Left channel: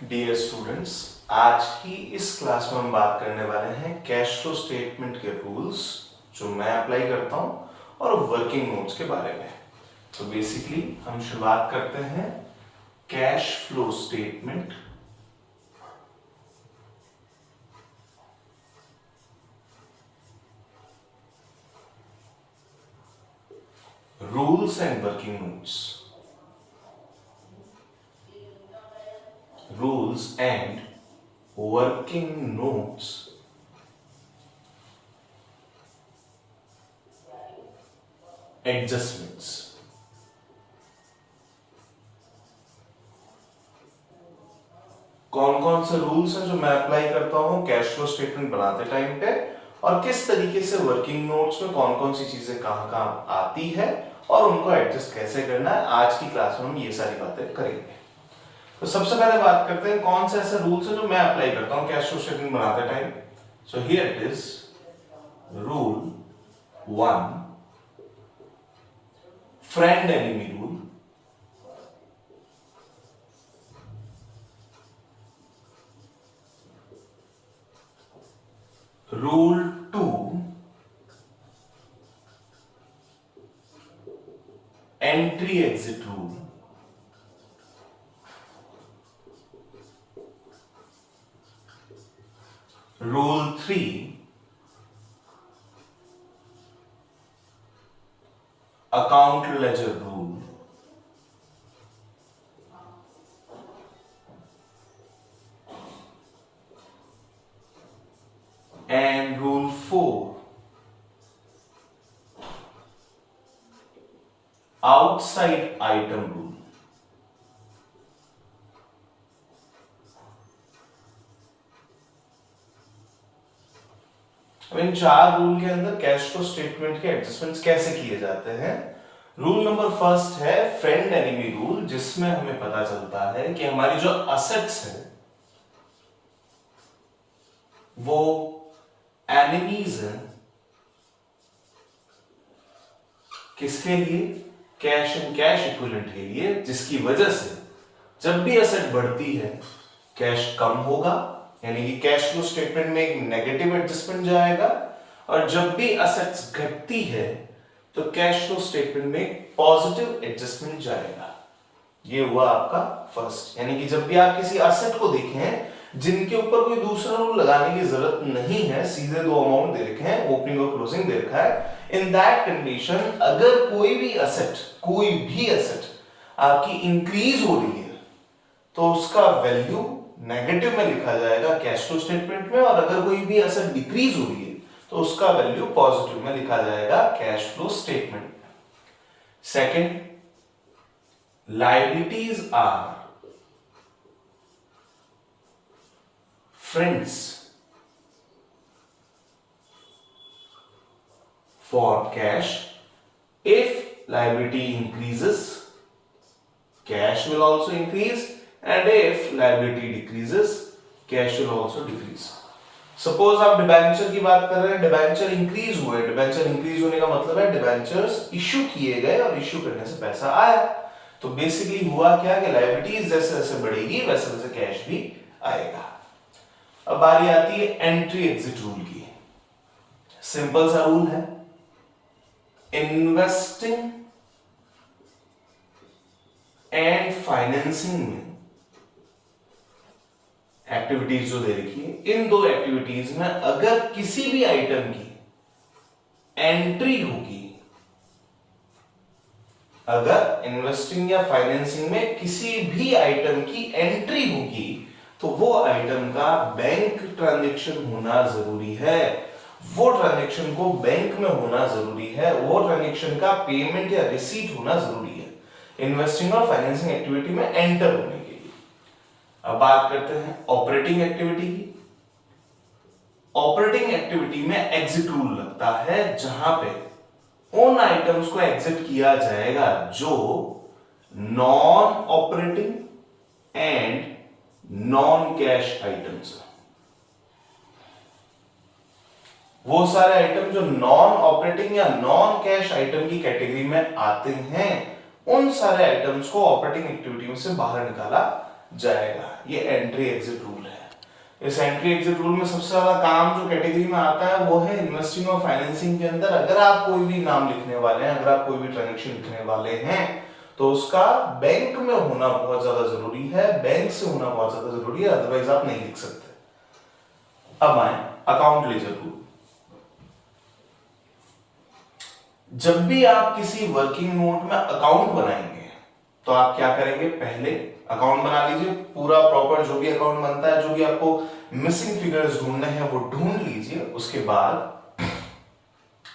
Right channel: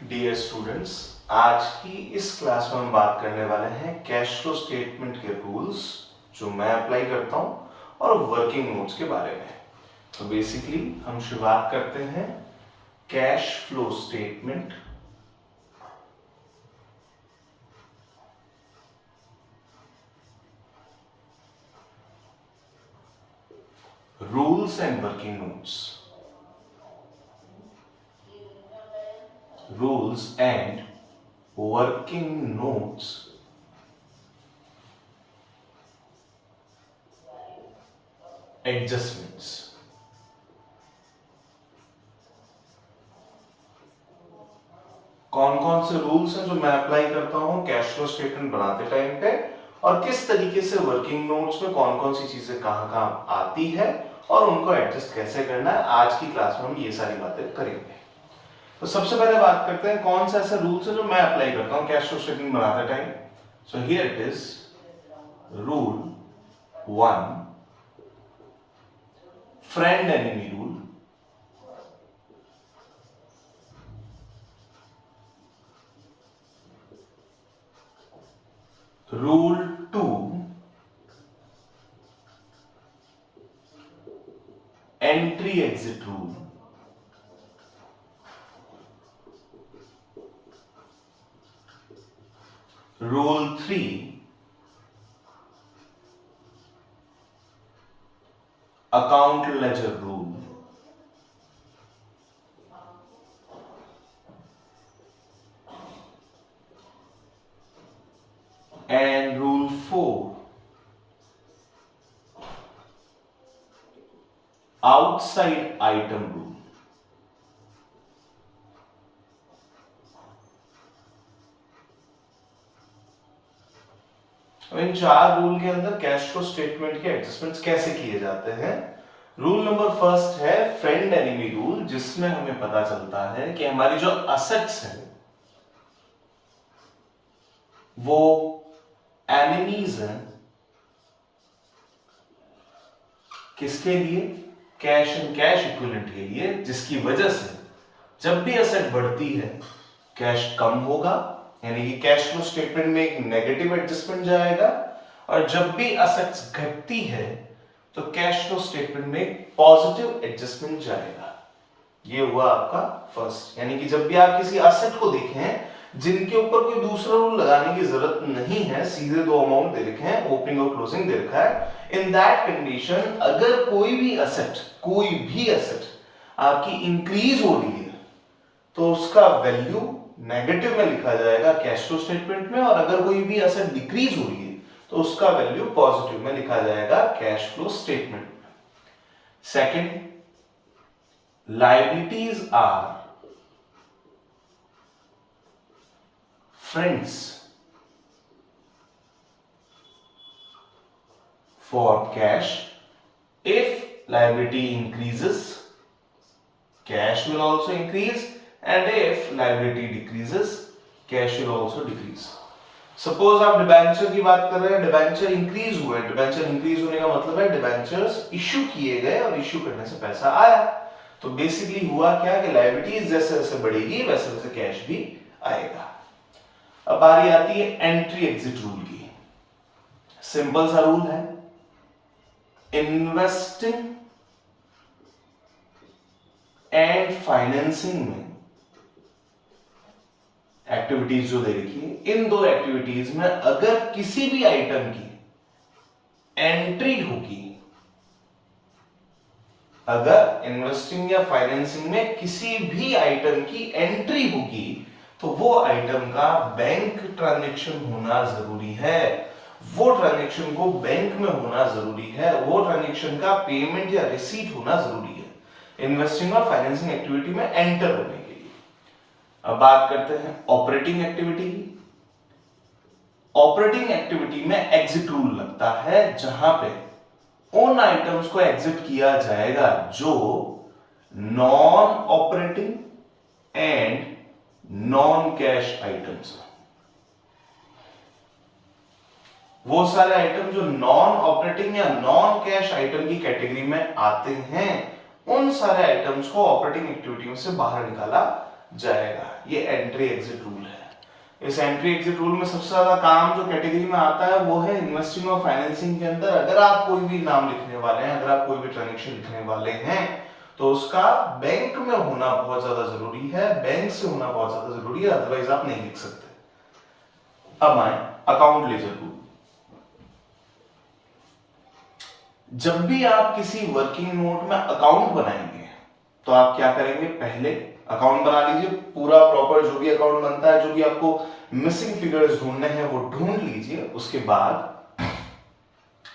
Dear students, आज की इस क्लास में हम बात करने वाले हैं कैश फ्लो स्टेटमेंट के रूल्स जो मैं अप्लाई करता हूं और वर्किंग नोट्स के बारे में। तो बेसिकली हम शुरुआत करते हैं cash flow statement rules and working notes. Rules and working notes adjustments। कौन कौन से रूल्स हैं जो मैं अप्लाई करता हूं कैश फ्लो स्टेटमेंट बनाते टाइम पे, और किस तरीके से वर्किंग नोट्स में कौन कौन सी चीजें कहां कहां आती है और उनको एडजस्ट कैसे करना है, आज की क्लास में हम ये सारी बातें करेंगे। तो सबसे पहले बात करते हैं कौन से ऐसे रूल्स हैं जो मैं अप्लाई करता हूं कैश फ्लो स्टेटमेंट बनाते time. So here it is rule 1, friend enemy rule. Rule 2, entry exit rule. Rule 3, account laser rule. And rule 4, outside item rule. अब इन चार रूल के अंदर कैश फ्लो स्टेटमेंट के एडजस्टमेंट्स कैसे किए जाते हैं। रूल नंबर फर्स्ट है फ्रेंड एनिमी रूल, जिसमें हमें पता चलता है कि हमारी जो असेट्स हैं वो एनिमीज हैं किसके लिए, कैश एंड कैश इक्विवेलेंट के लिए, जिसकी वजह से जब भी एसेट बढ़ती है कैश कम होगा, यानी कि कैश फ्लो स्टेटमेंट में एक नेगेटिव एडजस्टमेंट जाएगा, और जब भी एसेट्स घटती है तो कैश फ्लो स्टेटमेंट में एक पॉजिटिव एडजस्टमेंट जाएगा। ये हुआ आपका फर्स्ट, यानी कि जब भी आप किसी एसेट को देखें जिनके ऊपर कोई दूसरा रूल लगाने की जरूरत नहीं है, सीधे दो अमाउंट दे रखे हैं, ओपनिंग और क्लोजिंग दे रखा है, इन दैट कंडीशन अगर कोई भी एसेट आपकी इंक्रीज हो रही है तो उसका वैल्यू नेगेटिव में लिखा जाएगा कैश फ्लो स्टेटमेंट में, और अगर कोई भी एसेट डिक्रीज हो रही है तो उसका वैल्यू पॉजिटिव में लिखा जाएगा कैश फ्लो स्टेटमेंट में। Second, liabilities are friends for cash. If liability increases, cash will also increase, and if liability decreases, cash will also decrease. Suppose आप डिबेंचर की बात कर रहे हैं, डिबेंचर इंक्रीज हुए, डिबेंचर इंक्रीज होने का मतलब है डिबेंचर्स इश्यू किए गए और इश्यू करने से पैसा आया। तो बेसिकली हुआ क्या कि लायबिलिटीज जैसे जैसे बढ़ेगी वैसे वैसे कैश भी आएगा। अब बारी आती है एंट्री एग्जिट रूल की। सिंपल सा रूल है, इन्वेस्टिंग एंड फाइनेंसिंग में एक्टिविटीज जो दे रखी है, इन दो एक्टिविटीज में अगर किसी भी आइटम की एंट्री होगी, अगर इन्वेस्टिंग या फाइनेंसिंग में किसी भी आइटम की एंट्री होगी तो वो आइटम का बैंक ट्रांजैक्शन होना जरूरी है, वो ट्रांजैक्शन को बैंक में होना जरूरी है, वो ट्रांजैक्शन का पेमेंट या रिसीट होना जरूरी है इन्वेस्टिंग और फाइनेंसिंग एक्टिविटी में एंटर होने के लिए। अब बात करते हैं ऑपरेटिंग एक्टिविटी की। ऑपरेटिंग एक्टिविटी में एग्जिट रूल लगता है, जहां पे उन आइटम्स को एग्जिट किया जाएगा जो non operating and non cash items. वो सारे आइटम जो नॉन ऑपरेटिंग या नॉन कैश आइटम की कैटेगरी में आते हैं, उन सारे आइटम्स को ऑपरेटिंग एक्टिविटी में से बाहर निकाला जाएगा। ये एंट्री एग्जिट रूल है। इस एंट्री एग्जिट रूल में सबसे ज्यादा काम जो कैटेगरी में आता है वो है इन्वेस्टिंग और फाइनेंसिंग के अंदर अगर आप कोई भी नाम लिखने वाले हैं, अगर आप कोई भी ट्रांजैक्शन लिखने वाले हैं तो उसका बैंक में होना बहुत ज्यादा जरूरी है, बैंक से होना बहुत ज्यादा जरूरी है, अदरवाइज आप नहीं लिख सकते। अब आए अकाउंट लेजर रूल। जब भी आप किसी वर्किंग नोट में अकाउंट बनाएंगे तो आप क्या करेंगे, पहले अकाउंट बना लीजिए, पूरा प्रॉपर जो भी अकाउंट बनता है, जो भी आपको मिसिंग फिगर्स ढूंढने हैं वो ढूंढ लीजिए। उसके बाद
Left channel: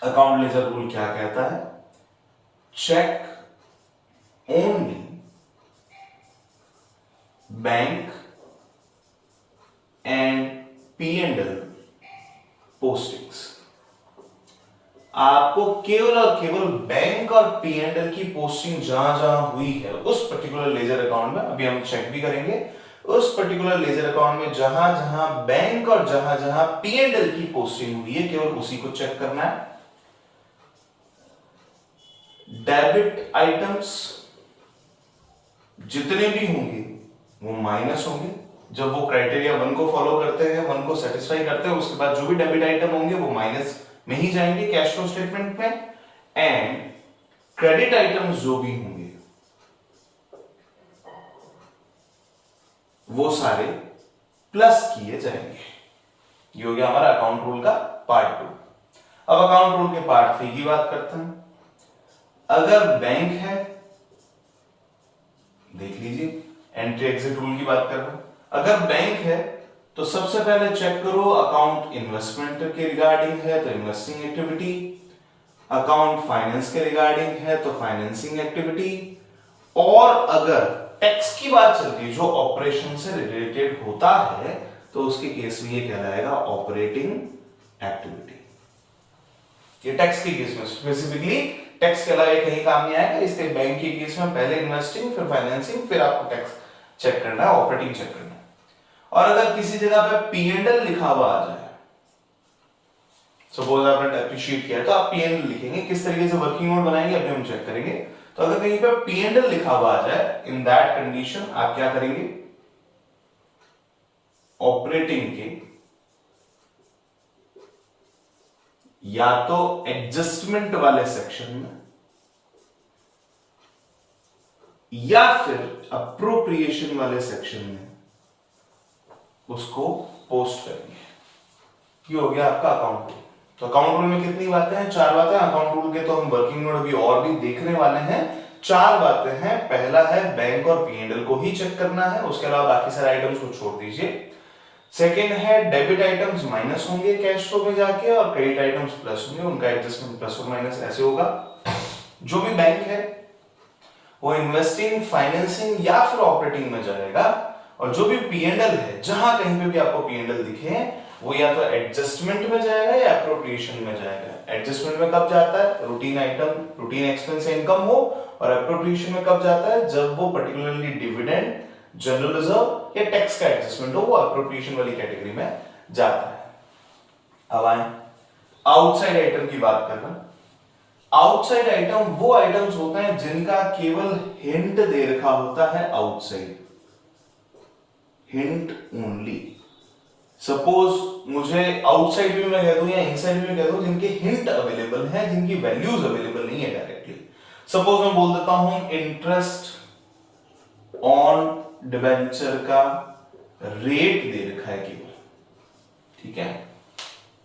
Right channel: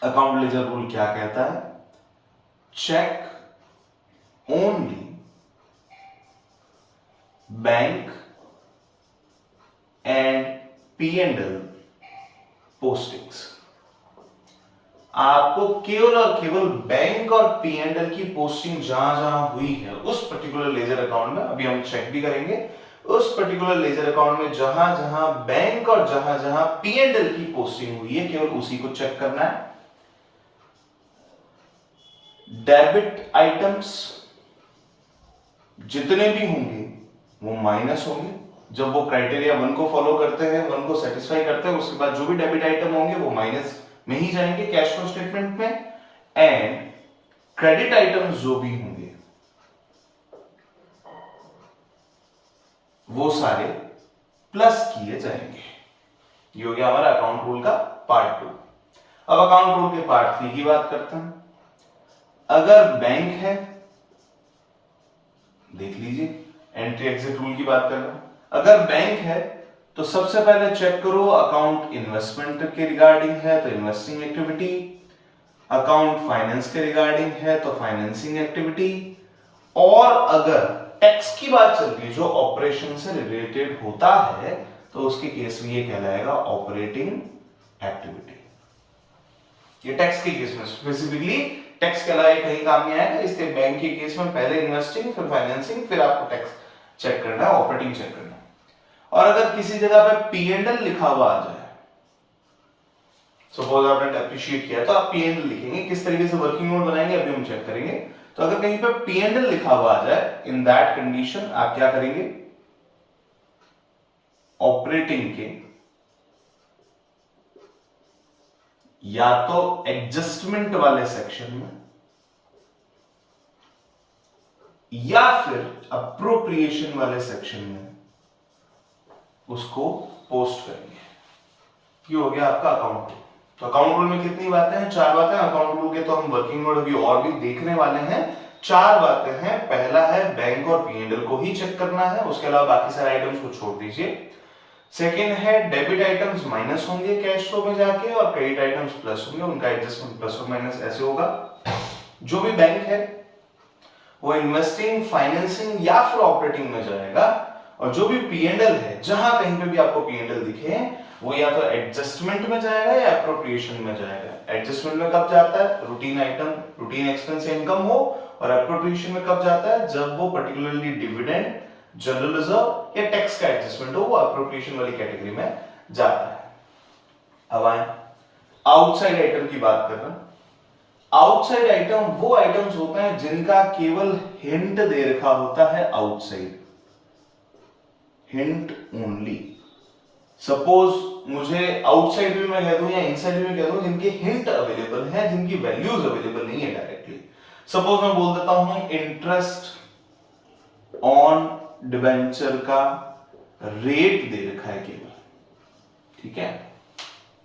अकाउंट लेजर रूल क्या कहता है, check only bank and P&L postings. आपको केवल और केवल बैंक और P&L की पोस्टिंग जहां जहां हुई है उस पर्टिकुलर लेजर अकाउंट में, अभी हम चेक भी करेंगे, उस पर्टिकुलर लेजर अकाउंट में जहां जहां बैंक और जहां जहां P&L की पोस्टिंग हुई है केवल उसी को चेक करना है। डेबिट आइटम्स जितने भी होंगे वो माइनस होंगे। जब वो क्राइटेरिया 1 को फॉलो करते हैं, 1 को सेटिस्फाई करते हैं, उसके बाद जो भी डेबिट आइटम होंगे वो माइनस में ही जाएंगे कैश फ्लो स्टेटमेंट में। एंड क्रेडिट आइटम्स जो भी होंगे वो सारे प्लस किए जाएंगे। ये हो गया हमारा अकाउंट रूल का पार्ट 2। अब अकाउंट रूल के पार्ट 3 की बात करते हैं। अगर बैंक है, देख लीजिए एंट्री एग्जिट रूल की बात कर रहे हैं, अगर बैंक है तो सबसे पहले चेक करो अकाउंट इन्वेस्टमेंट के रिगार्डिंग है तो इन्वेस्टिंग एक्टिविटी, अकाउंट फाइनेंस के रिगार्डिंग है तो फाइनेंसिंग एक्टिविटी, और अगर टैक्स की बात चल रही है जो ऑपरेशन से रिलेटेड होता है तो उसके केस में ये कहलाएगा ऑपरेटिंग एक्टिविटी। ये टैक्स के केस में स्पेसिफिकली टैक्स के अलावा कहीं काम नहीं आएगा, इसके बैंक के केस में पहले इन्वेस्टिंग फिर फाइनेंसिंग फिर आपको टैक्स चेक करना है, ऑपरेटिंग चेक करना है। और अगर किसी जगह पे P&L लिखा हुआ आ जाए, सपोज आपने डेप्रिशिएट किया तो आप P&L लिखेंगे, किस तरीके से वर्किंग नोट बनाएंगे अभी हम चेक करेंगे। तो अगर कहीं पे P&L लिखा हुआ आ जाए, इन दैट कंडीशन आप क्या करेंगे, ऑपरेटिंग के या तो एडजस्टमेंट वाले सेक्शन में या फिर अप्रोप्रिएशन वाले सेक्शन में उसको पोस्ट करेंगे। ये हो गया आपका अकाउंट रूल। तो अकाउंट रूल में कितनी बातें हैं, 4 बातें। अकाउंट रूल के तो हम वर्किंग नोट अभी और भी देखने वाले हैं। 4 बातें हैं। पहला है बैंक और P&L को ही चेक करना है, उसके अलावा बाकी सारे आइटम्स को छोड़ दीजिए। सेकेंड है डेबिट आइटम्स माइनस होंगे कैश फ्लो में जाके और क्रेडिट आइटम्स प्लस होंगे, उनका एडजस्टमेंट प्लस और माइनस ऐसे होगा। जो भी बैंक है वो इन्वेस्टिंग, फाइनेंसिंग या फिर ऑपरेटिंग में जाएगा, और जो भी P&L है जहां कहीं पे भी आपको P&L दिखे वो या तो एडजस्टमेंट में जाएगा या अप्रोप्रिएशन में जाएगा। एडजस्टमेंट में कब जाता है, routine item, routine expense income हो, और अप्रोप्रिएशन में कब जाता है, जब वो पर्टिकुलरली डिविडेंड, जनरल रिजर्व या टैक्स का एडजस्टमेंट हो, वो अप्रोप्रिएशन वाली कैटेगरी में जाता है। अब आए आउटसाइड आइटम की बात कर रहे हैं। आउटसाइड आइटम वो आइटम्स होते हैं जिनका केवल हिंट दे रखा होता है आउटसाइड, हिंट ओनली। सपोज मुझे आउटसाइड भी मैं कह दूं या इनसाइड भी मैं कह दूं, जिनके हिंट अवेलेबल है, जिनकी वैल्यूज अवेलेबल नहीं है डायरेक्टली। सपोज मैं बोल देता हूं इंटरेस्ट ऑन डिबेंचर का रेट दे रखा है केवल, ठीक है।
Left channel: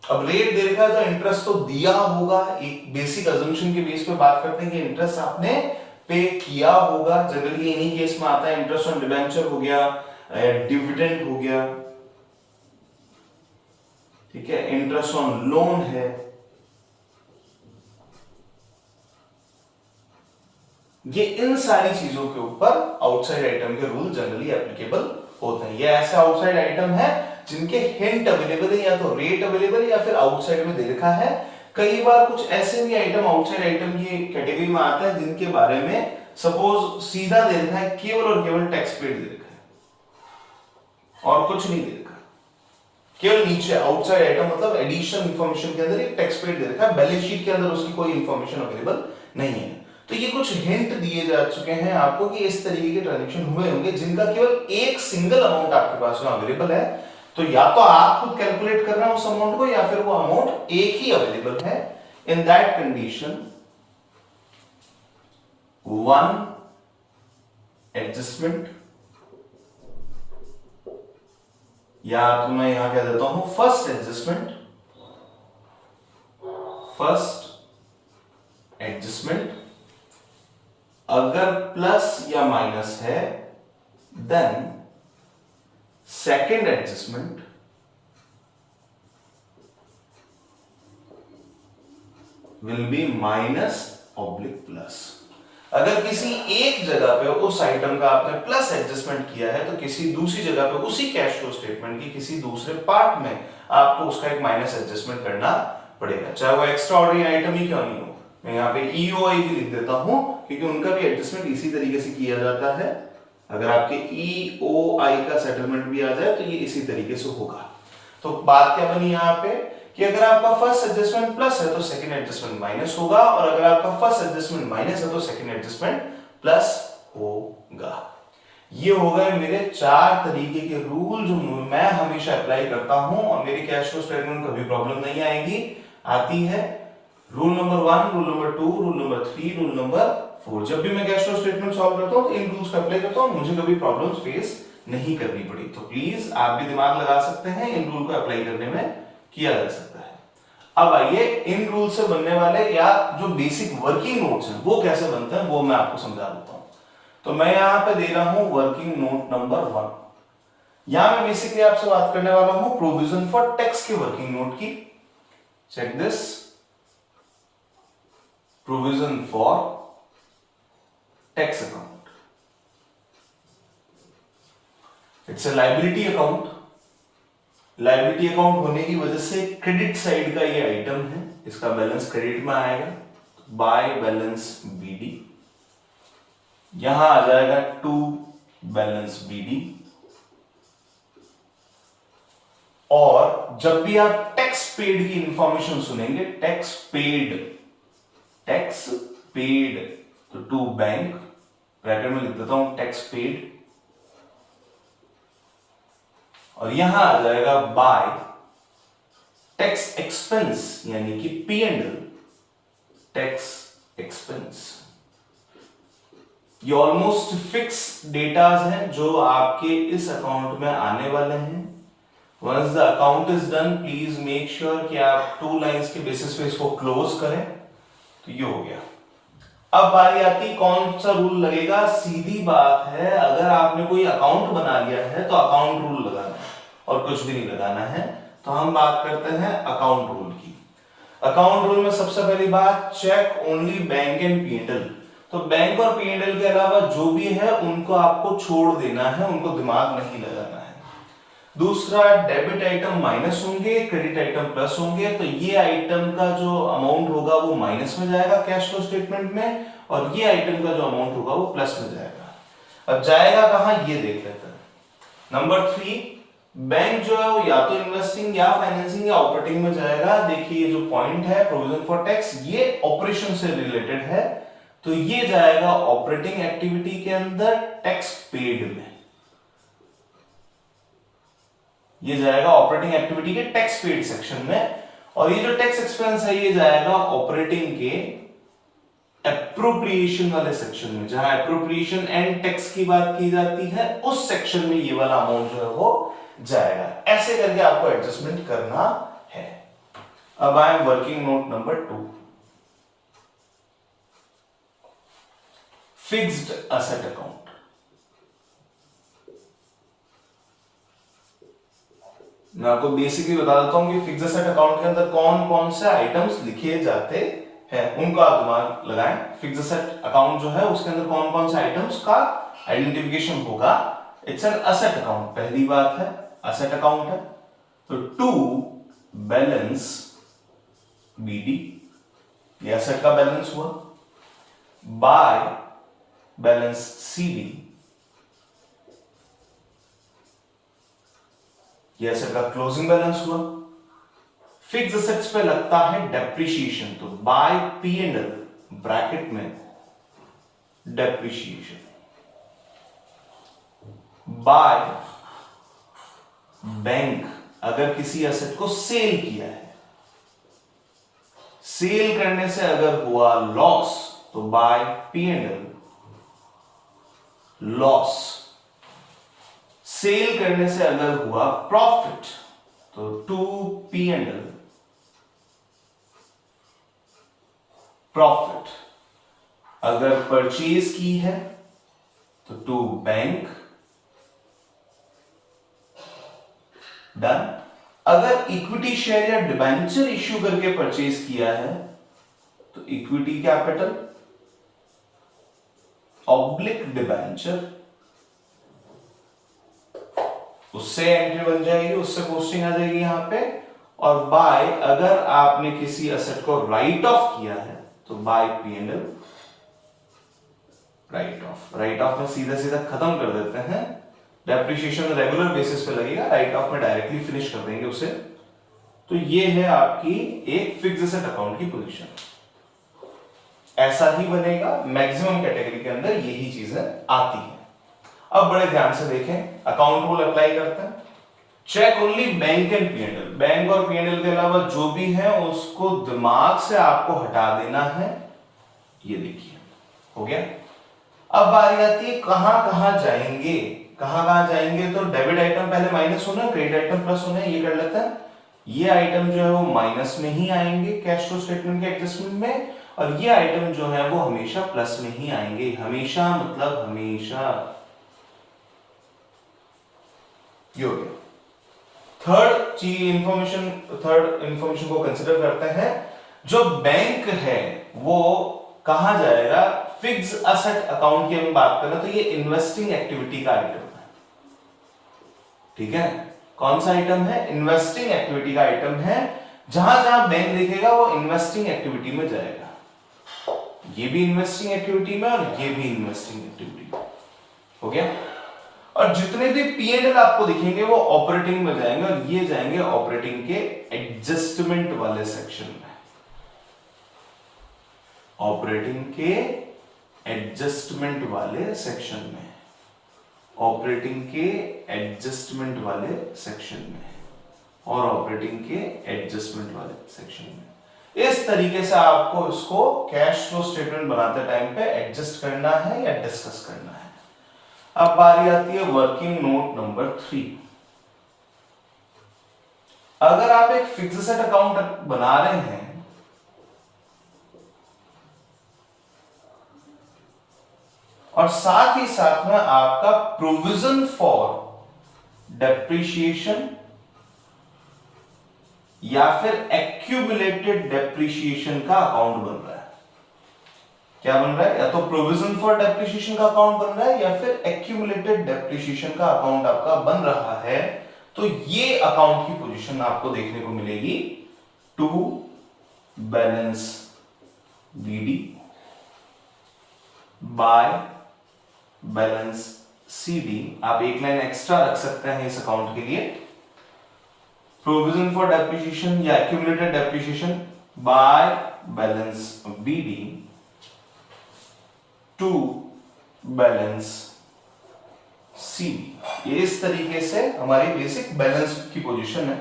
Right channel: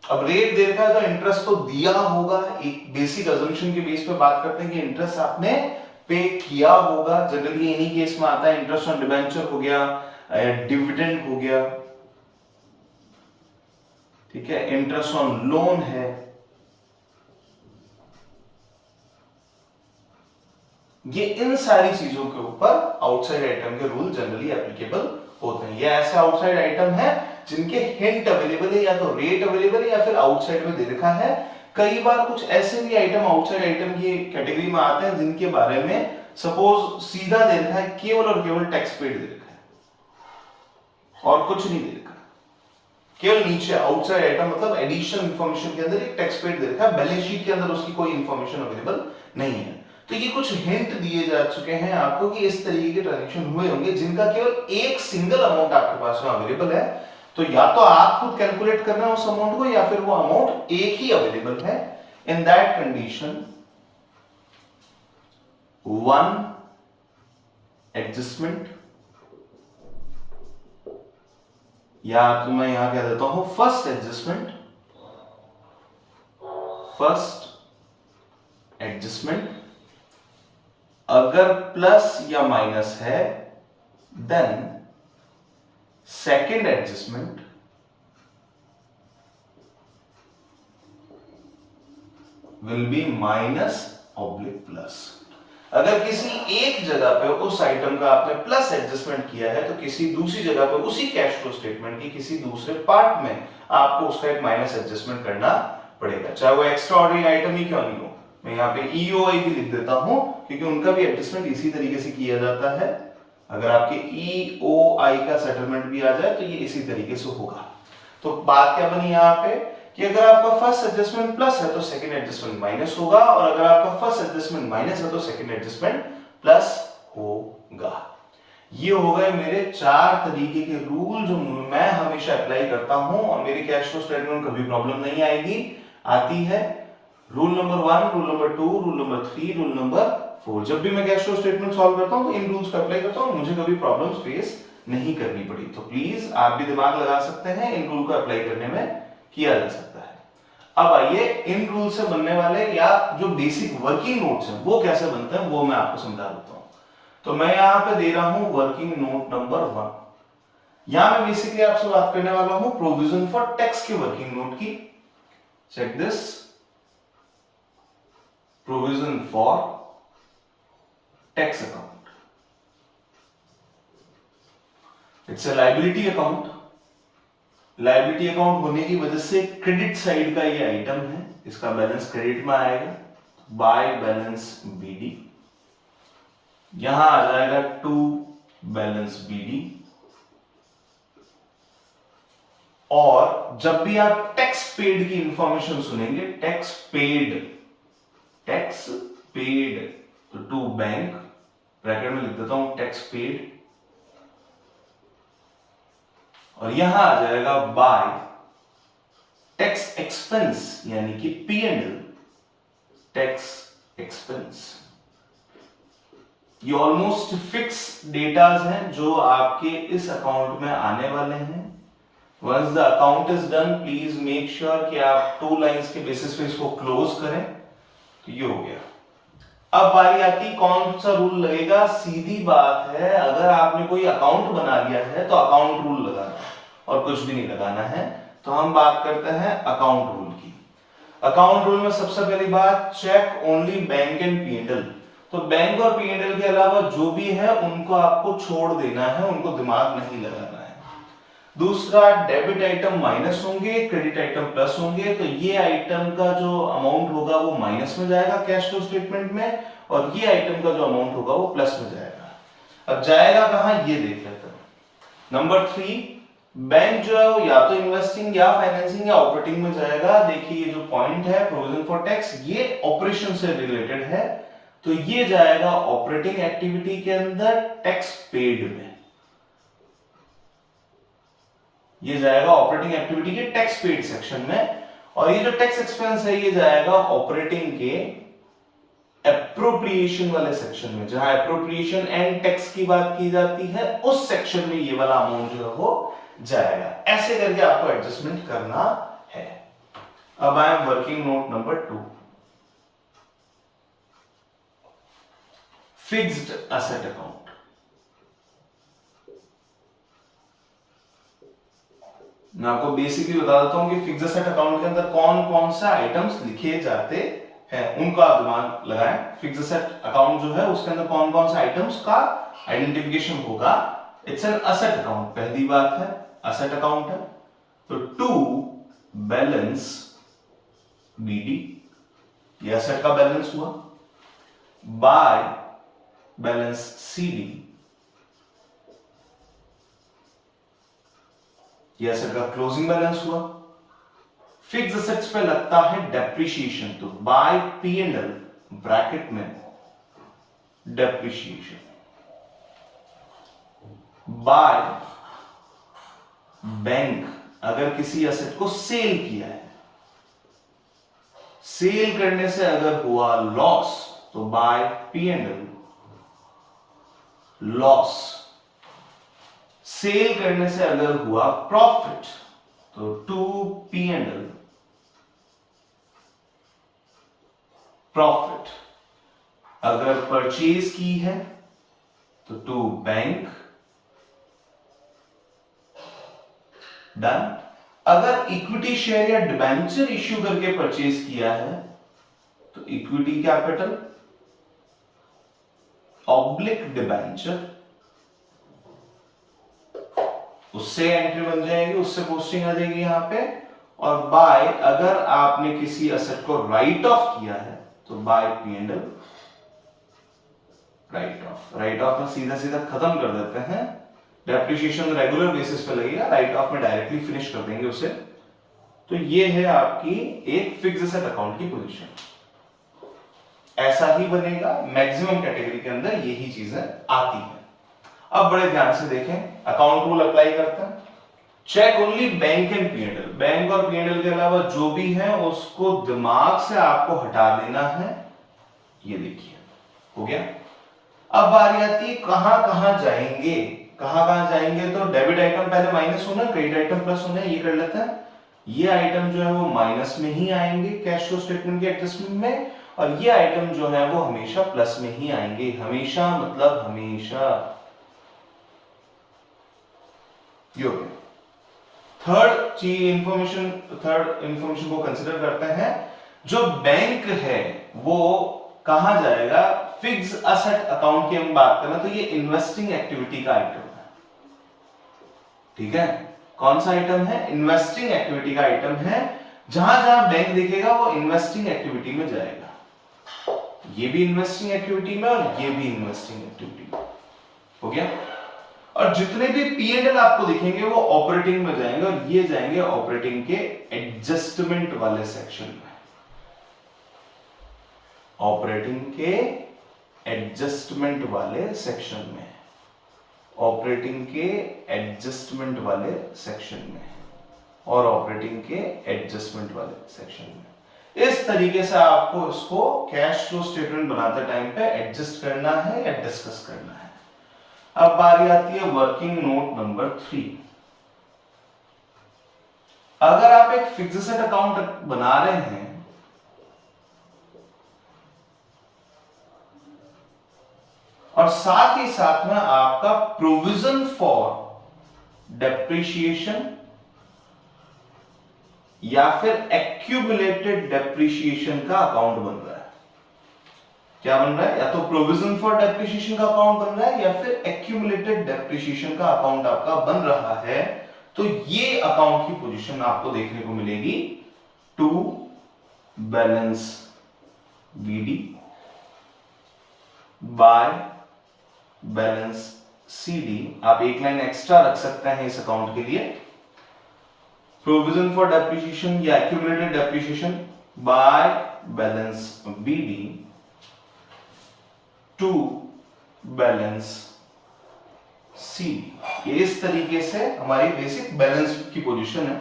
अब रेट दे रखा है तो इंटरेस्ट तो दिया होगा, एक बेसिक अजम्पशन के बेस पे बात करते हैं कि इंटरेस्ट आपने पे किया होगा। जनरली इन्हीं केस में आता है, इंटरेस्ट ऑन डिबेंचर हो गया, डिविडेंड हो गया, ठीक है, इंटरेस्ट ऑन लोन है, ये इन सारी चीजों के ऊपर आउटसाइड आइटम के रूल जनरली एप्लीकेबल होते हैं। ये ऐसे आउटसाइड आइटम है जिनके हिंट अवेलेबल है, या तो रेट अवेलेबल है या फिर आउटसाइड में दे रखा है। कई बार कुछ ऐसे भी आइटम आउटसाइड आइटम की कैटेगरी में आते हैं जिनके बारे में सपोज सीधा दे रखा है, केवल और केवल टैक्स पेड दे रखा है और कुछ नहीं दे रखा, केवल नीचे आउटसाइड आइटम मतलब एडिशनल इंफॉर्मेशन के अंदर एक टैक्स पेड दे रखा है, बैलेंस शीट के अंदर उसकी कोई इंफॉर्मेशन अवेलेबल नहीं है। तो ये कुछ हिंट दिए जा चुके हैं आपको कि इस तरीके के ट्रांजेक्शन हुए होंगे जिनका केवल एक सिंगल अमाउंट आपके पास में अवेलेबल है। तो या तो आप खुद कैलकुलेट करना उस अमाउंट को या फिर वो अमाउंट एक ही अवेलेबल है। In that condition one adjustment, या तो मैं यहां कह देता हूं फर्स्ट एडजस्टमेंट, अगर प्लस या माइनस है then second adjustment will be minus oblique plus. अगर किसी एक जगह पे उस आइटम का आपने प्लस एडजस्टमेंट किया है तो किसी दूसरी जगह पे उसी कैश फ्लो स्टेटमेंट की किसी दूसरे पार्ट में आपको उसका एक माइनस एडजस्टमेंट करना पड़ेगा, चाहे वो एक्स्ट्रा ऑर्डिनरी आइटम ही क्यों नहीं हो। मैं यहाँ पे ईओआई भी लिख देता हूं क्योंकि उनका भी एडजस्टमेंट इसी तरीके से किया जाता है। अगर आपके ईओआई का सेटलमेंट भी आ जाए तो ये इसी तरीके से होगा। तो बात क्या बनी यहाँ पे कि अगर आपका फर्स्ट एडजस्टमेंट प्लस है तो सेकंड एडजस्टमेंट माइनस होगा, और अगर आपका फर्स्ट एडजस्टमेंट माइनस है तो सेकंड एडजस्टमेंट प्लस होगा। ये हो गए मेरे 4 तरीके के रूल जो मैं हमेशा अप्लाई करता हूं और मेरी कैश फ्लो स्टेटमेंट में कभी प्रॉब्लम नहीं आएगी। आती है rule number 1, rule number 2, rule number 3, rule number 4। जब भी मैं कैश फ्लो स्टेटमेंट सॉल्व करता हूं तो इन रूल्स को अप्लाई करता हूं, मुझे कभी प्रॉब्लम फेस नहीं करनी पड़ी। तो प्लीज आप भी दिमाग लगा सकते हैं, इन रूल को अप्लाई करने में किया जा सकता है। अब आइए इन रूल से बनने वाले या जो बेसिक वर्किंग नोट्स हैं वो कैसे बनते हैं वो मैं आपको समझा देता हूं। तो मैं यहां पे दे रहा हूं वर्किंग नोट नंबर 1। यहां मैं बेसिकली आपसे बात करने वाला हूं प्रोविजन फॉर टैक्स के वर्किंग नोट की। Check this, provision for tax account. It's a liability account. Liability account होने की वजह से क्रेडिट साइड का ये आइटम है, इसका बैलेंस क्रेडिट में आएगा, बाय बैलेंस बीडी। यहां आ जाएगा टू बैलेंस बीडी। और जब भी आप टैक्स पेड की इंफॉर्मेशन सुनेंगे, टैक्स पेड तो टू बैंक, ब्रैकेट में लिख देता हूं टैक्स पेड, और यहां आ जाएगा बाय टैक्स एक्सपेंस यानी कि P&L टैक्स एक्सपेंस। ये ऑलमोस्ट फिक्स डेटाज हैं जो आपके इस अकाउंट में आने वाले हैं। Once the account is done please make sure कि आप 2 लाइंस के बेसिस पे इसको क्लोज करें। तो ये हो गया। अब बारी आती कौन सा रूल लगेगा। सीधी बात है, अगर आपने कोई अकाउंट बना लिया है तो अकाउंट रूल लगाना है और कुछ भी नहीं लगाना है। तो हम बात करते हैं अकाउंट रूल की। अकाउंट रूल में सबसे पहली बात, check only bank and P&L। तो बैंक और P&L के अलावा जो भी है उनको आपको छोड़ देना है, उनको दिमाग नहीं लगाना है। दूसरा, डेबिट आइटम माइनस होंगे, क्रेडिट आइटम प्लस होंगे। तो ये आइटम का जो अमाउंट होगा वो माइनस में जाएगा कैश फ्लो स्टेटमेंट में, और ये आइटम का जो अमाउंट होगा वो प्लस में जाएगा। अब जाएगा कहां ये देख लेते हैं। नंबर 3, बैंक जो है वो या तो इन्वेस्टिंग या फाइनेंसिंग या ऑपरेटिंग में जाएगा। देखिए ये जो पॉइंट है प्रोविजन फॉर टैक्स, ये ऑपरेशन से रिलेटेड है, तो ये जाएगा ऑपरेटिंग एक्टिविटी के अंदर टैक्स पेड में। ये जाएगा ऑपरेटिंग एक्टिविटी के टैक्स पेड सेक्शन में। और ये जो टैक्स एक्सपेंस है ये जाएगा ऑपरेटिंग के एप्रोप्रिएशन वाले सेक्शन में, जहां एप्रोप्रिएशन एंड टैक्स की बात की जाती है उस सेक्शन में ये वाला अमाउंट जो है वो जाएगा। ऐसे करके आपको एडजस्टमेंट करना है। अब आए working note number 2, fixed asset account. मैं आपको बेसिकली बता देता हूं कि फिक्स्ड एसेट अकाउंट के अंदर कौन कौन से आइटम्स लिखे जाते हैं, उनको आप दिमाग लगाएं। फिक्स्ड एसेट अकाउंट जो है उसके अंदर कौन कौन से आइटम्स का आइडेंटिफिकेशन होगा। इट्स एन एसेट अकाउंट, पहली बात है एसेट अकाउंट है। तो टू बैलेंस बीडी, ये एसेट का बैलेंस हुआ। बाय बैलेंस सीडी, ये एसेट का क्लोजिंग बैलेंस हुआ। फिक्स्ड एसेट्स पे लगता है डेप्रिसिएशन, तो बाय P&L ब्रैकेट में डेप्रिशिएशन, बाय बैंक अगर किसी एसेट को सेल किया है, सेल करने से अगर हुआ लॉस तो बाय P&L लॉस, सेल करने से अगर हुआ प्रॉफिट तो टू P&L प्रॉफिट, अगर परचेज की है तो टू बैंक डन, अगर इक्विटी शेयर या डिबेंचर इश्यू करके परचेज किया है तो इक्विटी कैपिटल ऑब्लिक डिबेंचर, उससे एंट्री बन जाएगी, उससे पोस्टिंग आ जाएगी यहां पे। और बाय अगर आपने किसी एसेट को राइट ऑफ किया है तो by P&L write off, write off में सीधा सीधा खत्म कर देते हैं, डेप्रिसिएशन रेगुलर बेसिस पे लगेगा, राइट ऑफ में डायरेक्टली फिनिश कर देंगे उसे। तो ये है आपकी एक फिक्स्ड एसेट अकाउंट की पोजीशन, ऐसा ही बनेगा, मैक्सिमम कैटेगरी के अंदर यही चीजें आती हैं। अब बड़े ध्यान से देखें, अकाउंट रूल अप्लाई करते हैं, check only bank and P&L, bank और P&L के अलावा जो भी है उसको दिमाग से आपको हटा देना है। ये देखिए हो गया। अब बारी आती है कहां कहां जाएंगे, कहां कहां जाएंगे, तो डेबिट आइटम पहले माइनस होना, क्रेडिट आइटम प्लस होना, ये कर लेते हैं। ये आइटम जो है वो माइनस में ही आएंगे कैश फ्लो स्टेटमेंट के एडजस्टमेंट में, और ये आइटम जो है वो हमेशा प्लस में ही आएंगे, हमेशा मतलब हमेशा। ये हो गया। थर्ड इंफॉर्मेशन को कंसिडर करते हैं, जो बैंक है वो कहां जाएगा, फिक्स एसेट अकाउंट की हम बात करें तो ये इन्वेस्टिंग एक्टिविटी का आइटम है, ठीक है। कौन सा आइटम है, इन्वेस्टिंग एक्टिविटी का आइटम है, जहां जहां बैंक दिखेगा वो इन्वेस्टिंग एक्टिविटी में जाएगा, ये भी इन्वेस्टिंग एक्टिविटी में और ये भी इन्वेस्टिंग एक्टिविटी में, हो गया। और जितने भी P&L आपको दिखेंगे वो ऑपरेटिंग में जाएंगे, और ये जाएंगे ऑपरेटिंग के एडजस्टमेंट वाले सेक्शन में, ऑपरेटिंग के एडजस्टमेंट वाले सेक्शन में, ऑपरेटिंग के एडजस्टमेंट वाले सेक्शन में, और ऑपरेटिंग के एडजस्टमेंट वाले सेक्शन में। इस तरीके से आपको इसको कैश फ्लो स्टेटमेंट बनाते टाइम पे एडजस्ट करना है या डिस्कस करना है। अब बारी आती है वर्किंग नोट नंबर 3। अगर आप एक फिक्स्ड एसेट अकाउंट बना रहे हैं और साथ ही साथ में आपका प्रोविजन फॉर डेप्रिसिएशन या फिर एक्यूमुलेटेड डेप्रिसिएशन का अकाउंट बन रहा है, क्या बन रहा है, या तो प्रोविजन फॉर डेप्रिसिएशन का अकाउंट बन रहा है या फिर एक्यूमुलेटेड डेप्रिसिएशन का अकाउंट आपका बन रहा है, तो ये अकाउंट की पोजीशन आपको देखने को मिलेगी to balance BD by balance CD। आप एक लाइन एक्स्ट्रा रख सकते हैं इस अकाउंट के लिए, प्रोविजन फॉर डेप्रिसिएशन या accumulated depreciation by balance BD to balance C। ये इस तरीके से हमारी बेसिक बैलेंस की पोजीशन है।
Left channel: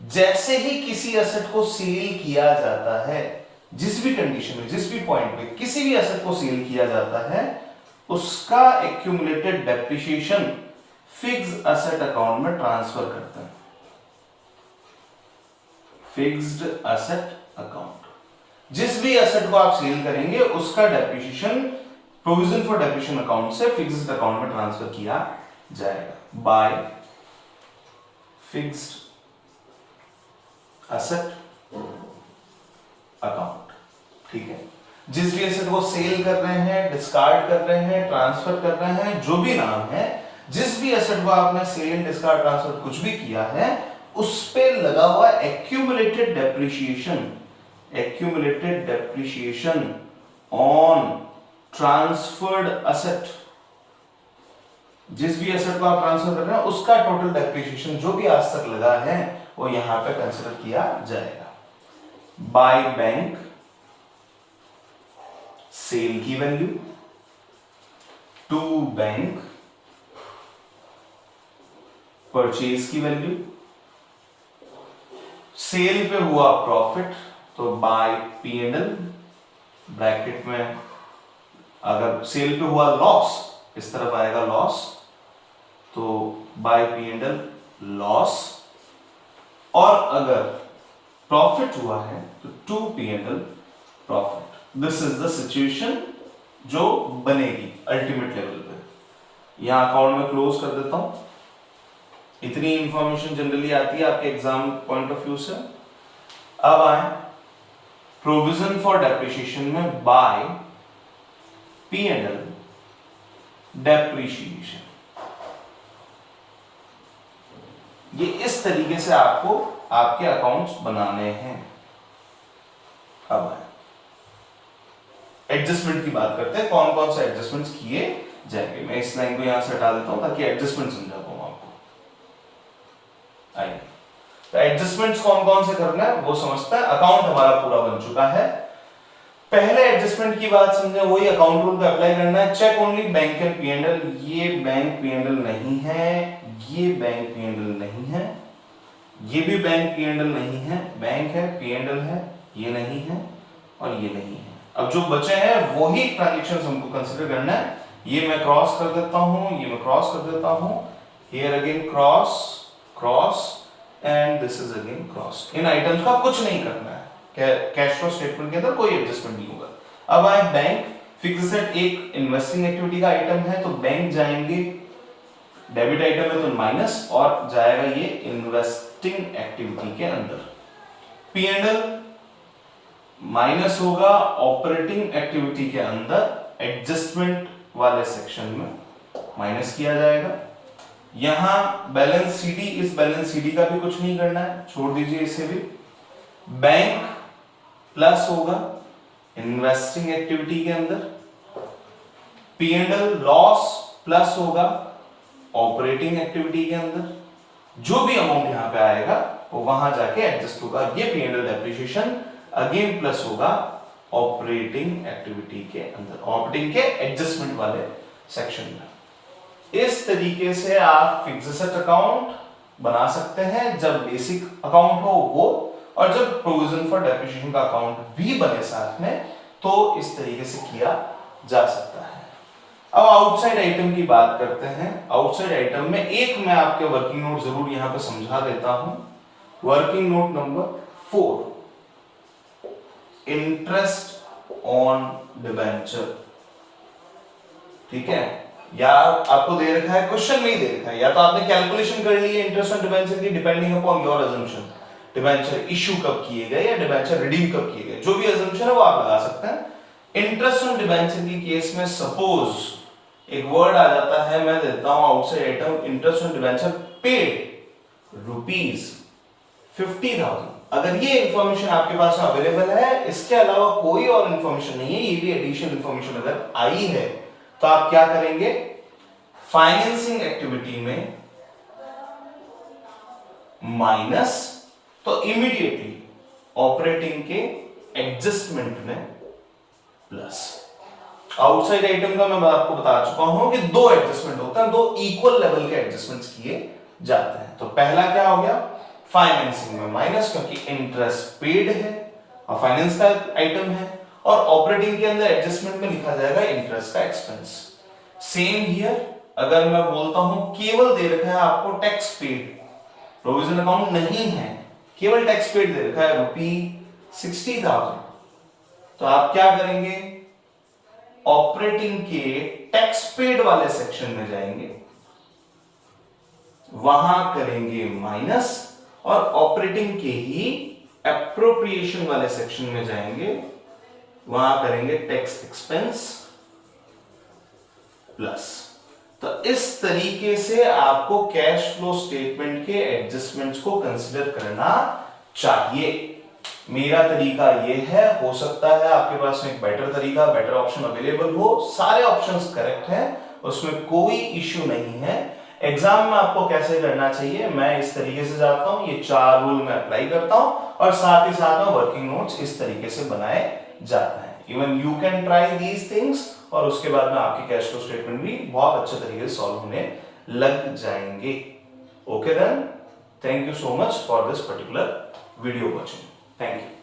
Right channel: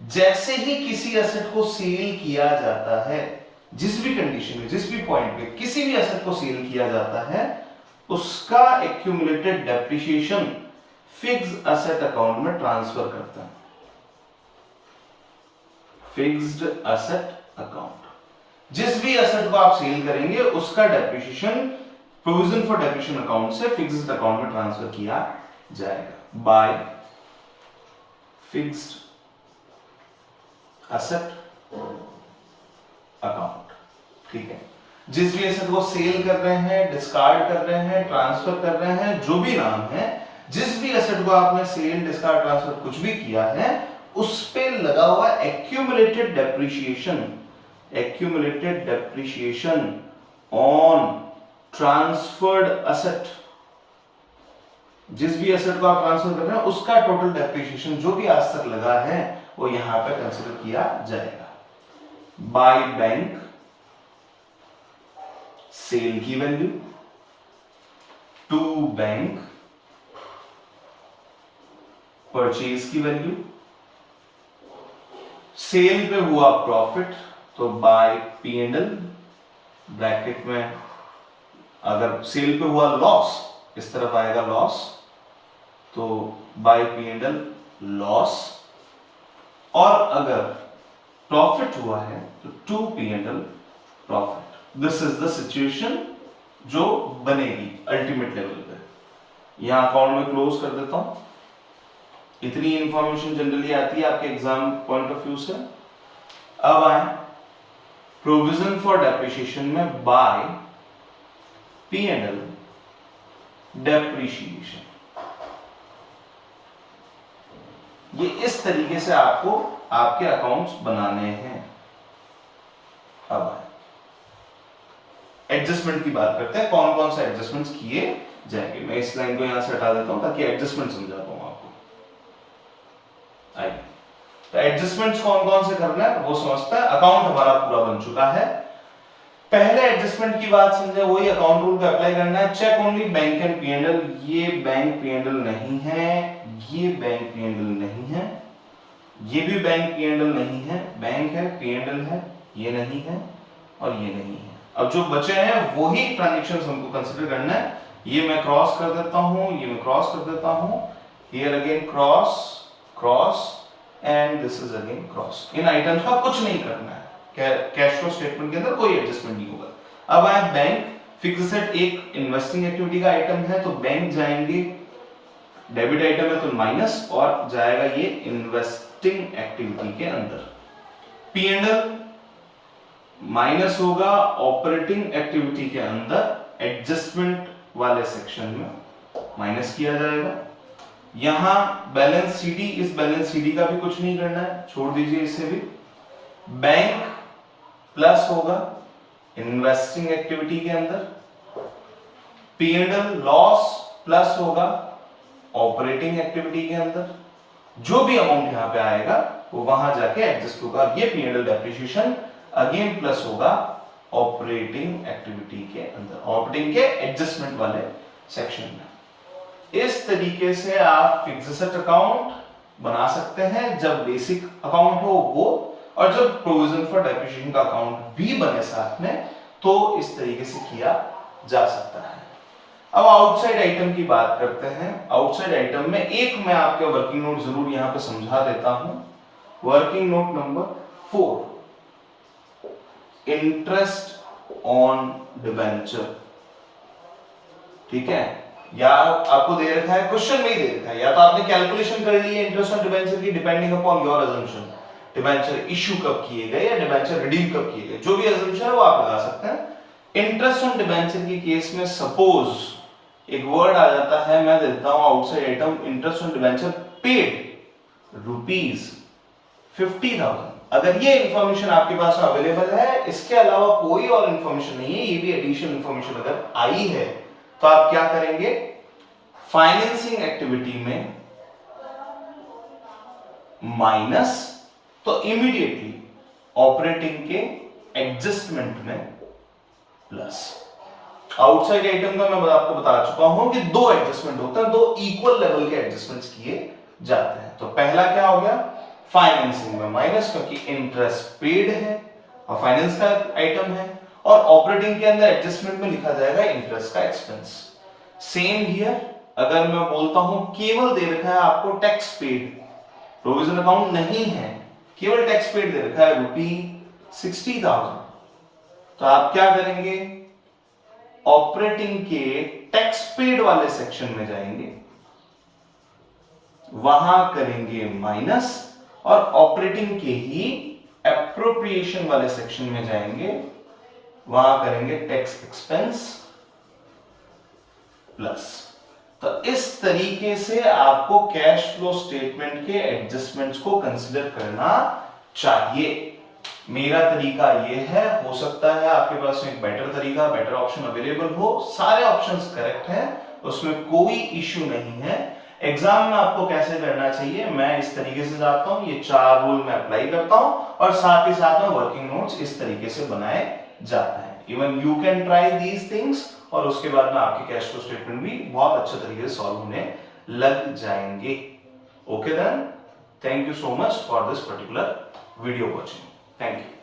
जैसे ही किसी एसेट को सेल किया जाता है, जिस भी कंडीशन में, जिस भी पॉइंट पे किसी भी एसेट को सेल किया जाता है, उसका accumulated depreciation fixed asset account में ट्रांसफर करते हैं, फिक्स्ड एसेट अकाउंट। जिस भी एसेट को आप सेल करेंगे उसका depreciation provision for depreciation account से फिक्स्ड अकाउंट में ट्रांसफर किया जाएगा बाय फिक्स्ड एसेट अकाउंट, ठीक है। जिस भी एसेट को सेल कर रहे हैं, डिस्कार्ड कर रहे हैं, ट्रांसफर कर रहे हैं, जो भी नाम है, जिस भी एसेट को आपने सेल, डिस्कार्ड, ट्रांसफर कुछ भी किया है, उस पे लगा हुआ accumulated depreciation, accumulated depreciation on transferred asset, जिस भी एसेट को आप ट्रांसफर कर रहे हैं उसका टोटल डेप्रिसिएशन जो भी आज तक लगा है वो यहां पे कंसीडर किया जाएगा बाय बैंक सेल की वैल्यू टू बैंक परचेज की वैल्यू, सेल पे हुआ प्रॉफिट तो बाय P&L, ब्रैकेट में अगर सेल पे हुआ लॉस इस तरफ आएगा लॉस, तो बाय P&L लॉस, और अगर प्रॉफिट हुआ है तो to P&L profit. This is the situation जो बनेगी अल्टीमेट लेवल पे। यहां अकाउंट में क्लोज कर देता हूं। इतनी इंफॉर्मेशन जनरली आती है आपके एग्जाम पॉइंट ऑफ व्यू से। अब आए प्रोविजन फॉर डेप्रिसिएशन में बाय P&L डेप्रिसिएशन। ये इस तरीके से आपको आपके अकाउंट्स बनाने हैं। अब एडजस्टमेंट की बात करते हैं, कौन कौन से एडजस्टमेंट्स किए जाएंगे। मैं इस लाइन को यहां से हटा देता हूं ताकि एडजस्टमेंट समझा पाऊं आपको। आइए, तो एडजस्टमेंट्स कौन कौन से करना है वो समझते हैं। अकाउंट हमारा पूरा बन चुका है। पहले एडजस्टमेंट की बात समझे, वही अकाउंट रूल का अप्लाई करना है। Check only bank and P&L। ये बैंक P&L नहीं है, ये बैंक P&L नहीं है, ये भी बैंक P&L नहीं है। बैंक है, P&L है, ये नहीं है और ये नहीं है। अब जो बचे हैं वही ट्रांजैक्शंस हमको कंसीडर करना है। ये मैं क्रॉस कर देता हूं, ये मैं क्रॉस कर देता हूं, here again cross cross and this is again cross. In items का कुछ नहीं करना है। कैश फ्लो स्टेटमेंट के अंदर कोई एडजस्टमेंट नहीं होगा। अब आए बैंक, फिक्स एसेट एक इन्वेस्टिंग एक्टिविटी का आइटम है तो बैंक जाएंगे, डेबिट आइटम है तो माइनस, और जाएगा ये इन्वेस्टिंग एक्टिविटी के अंदर। P&L माइनस होगा ऑपरेटिंग एक्टिविटी के अंदर, एडजस्टमेंट वाले सेक्शन में माइनस किया जाएगा। यहां बैलेंस सीडी, इस बैलेंस सीडी का भी कुछ नहीं करना है, छोड़ दीजिए इसे भी। बैंक प्लस होगा इन्वेस्टिंग एक्टिविटी के अंदर, P&L लॉस प्लस होगा ऑपरेटिंग एक्टिविटी के अंदर। जो भी अमाउंट यहां पे आएगा वो वहां जाके एडजस्ट होगा। ये P&L डेप्रिसिएशन अगेन प्लस होगा ऑपरेटिंग एक्टिविटी के अंदर, ऑपरेटिंग के एडजस्टमेंट वाले सेक्शन में। इस तरीके से आप फिक्स एसेट अकाउंट बना सकते हैं जब बेसिक अकाउंट हो वो, और जब प्रोविजन फॉर डेप्रिसिएशन का अकाउंट भी बने साथ में तो इस तरीके से किया जा सकता है। अब आउटसाइड आइटम की बात करते हैं। आउटसाइड आइटम में एक मैं आपके वर्किंग नोट जरूर यहां पे समझा देता हूं। Working note number 4, interest on debenture. ठीक है, या आपको दे रखा है, क्वेश्चन नहीं दे रखा है, या तो आपने कैलकुलेशन कर ली है इंटरेस्ट ऑन डिबेंचर की depending upon your assumption, debenture issue कब किए गए या डिबेंचर रिडीम कब किए गए, जो भी अजम्पशन है वो आप लगा सकते हैं। इंटरेस्ट ऑन डिबेंचर की केस में सपोज एक वर्ड आ जाता है, मैं देता हूं outside item, interest on debenture paid ₹50,000। अगर ये इंफॉर्मेशन आपके पास अवेलेबल है, इसके अलावा कोई और इंफॉर्मेशन नहीं है, ये भी एडिशनल इंफॉर्मेशन अगर आई है तो आप क्या करेंगे, फाइनेंसिंग एक्टिविटी में माइनस, तो इमीडिएटली ऑपरेटिंग के एडजस्टमेंट में प्लस। आउटसाइड आइटम का मैं आपको बता चुका हूं कि दो एडजस्टमेंट होते हैं, दो इक्वल लेवल के एडजस्टमेंट्स किए जाते हैं। तो पहला क्या हो गया, फाइनेंसिंग में माइनस, क्योंकि इंटरेस्ट पेड है और फाइनेंस का आइटम है, और ऑपरेटिंग के अंदर एडजस्टमेंट में लिखा जाएगा इंटरेस्ट का एक्सपेंस। सेम हियर, अगर मैं बोलता हूं केवल दे रखा है आपको टैक्स पेड, प्रोविजन अकाउंट नहीं है, केवल टैक्स पेड दे रखा है ₹60,000, तो आप क्या करेंगे, ऑपरेटिंग के टैक्स पेड वाले सेक्शन में जाएंगे, वहां करेंगे माइनस, और ऑपरेटिंग के ही एप्रोप्रिएशन वाले सेक्शन में जाएंगे, वहां करेंगे टैक्स एक्सपेंस प्लस। तो इस तरीके से आपको कैश फ्लो स्टेटमेंट के एडजस्टमेंट्स को कंसीडर करना चाहिए। मेरा तरीका यह है, हो सकता है आपके पास में एक बेटर तरीका, बेटर ऑप्शन अवेलेबल हो, सारे ऑप्शंस करेक्ट हैं, उसमें कोई इश्यू नहीं है। एग्जाम में आपको कैसे करना चाहिए, मैं इस तरीके से जाता हूं, ये 4 रूल मैं अप्लाई करता हूं, और साथ ही साथ में वर्किंग नोट्स इस तरीके से बनाए जाते हैं। Even you can try these things और उसके बाद में आपके कैश फ्लो स्टेटमेंट भी बहुत अच्छे तरीके से सॉल्व होने लग जाएंगे. Okay then, thank you so much for this particular video watching. Thank you.